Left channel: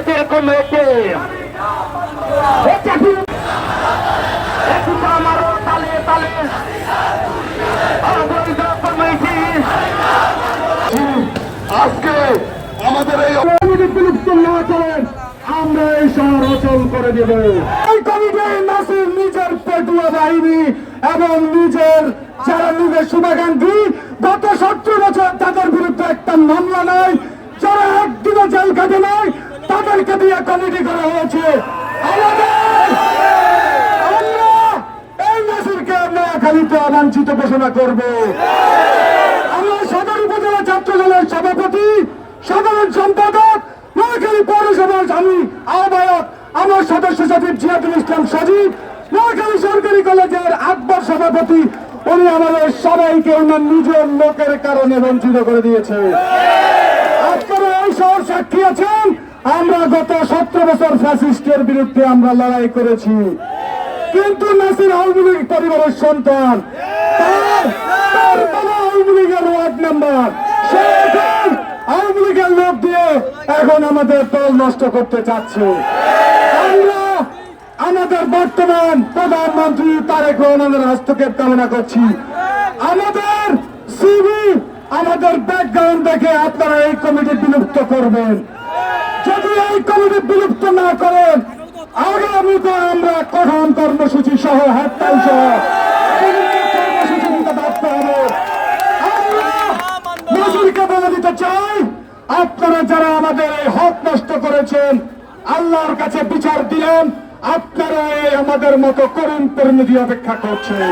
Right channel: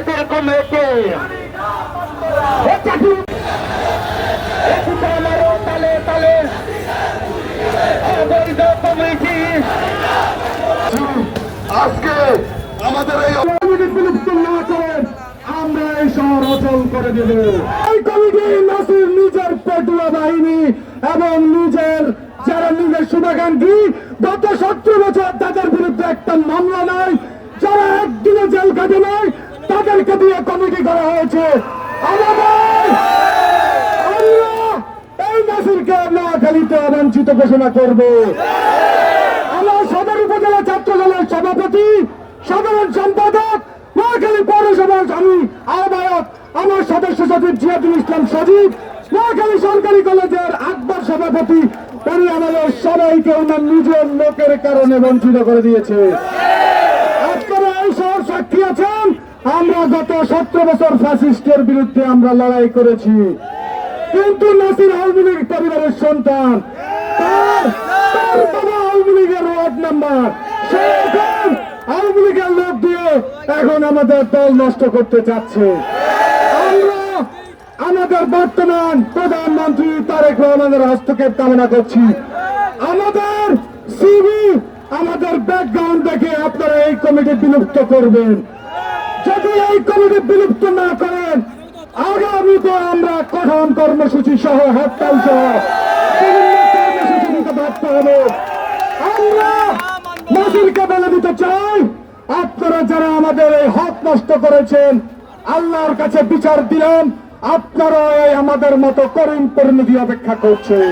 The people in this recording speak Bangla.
জামায়াতের কমিটি আমারও তালে তালে অবৈধ কমিটি আজকে আমাদের এই বিলুপ্ত না করেন আমরা এই শহর অচল করে দেব। এই কমিটি নাসির নিজের পেটুয়া বাহিনী এবং নিজের যারা নিজের শুভাকাঙ্ক্ষী গত 17 বছর তাদের বিরুদ্ধে একটা মামলা নাই, যারা একদিনে জেল কাটে নাই, তাদেরকে দিয়ে কমিটি করা হয়েছে। আমরা এই নাসিরকে নোয়াখালীতে অবাঞ্ছিত ঘোষণা করব। আমার সদর উপজেলা ছাত্র দলের সভাপতি, সাধারণ সম্পাদক, নোয়াখালী পৌরসভার আমি আহ্বায়ক, আমার সদস্য সচিব জিয়াদুল ইসলাম সজীব, নোয়াখালী সরকারি কলেজের আকবর সভাপতি, উনি আমাদের সবাইকে ওনার নিজের লোকের কারণে বঞ্চিত করে দিয়েছে। আপনারা এই শহর সাক্ষী আছেন, আমরা গত 17 বছর ফ্যাসিস্টের বিরুদ্ধে আমরা লড়াই করেছি, কিন্তু নাসির আওয়ামী লীগ পরিবারের সন্তান, তার বাবা আওয়ামী লীগের ওয়ার্ড মেম্বার, সে এখন আওয়ামী লীগের লোক দিয়ে এখন আমাদের দল নষ্ট করতে চাচ্ছে। আমরা আমাদের বর্তমান প্রধানমন্ত্রী তারেক রহমানের হস্তক্ষেপ কামনা করছি। আমাদের সিভি, আমাদের ব্যাকগ্রাউন্ড দেখে আপনারা এই কমিটি বিলুপ্ত করবেন। যদি এই কমিটি বিলুপ্ত না করেন, আগামীতে আমরা কঠোর কর্মসূচি সহ হরতাল সহ বিভিন্ন কর্মসূচি নিতে বাধ্য হবে। আমরা নাসিরকে বলে দিতে চাই, আপনারা যারা আমাদের এই হক নষ্ট করেছেন, আল্লাহর কাছে বিচার দিলেন, আপনারা আমাদের মতো করুণ পরিণতি অপেক্ষা করছেন।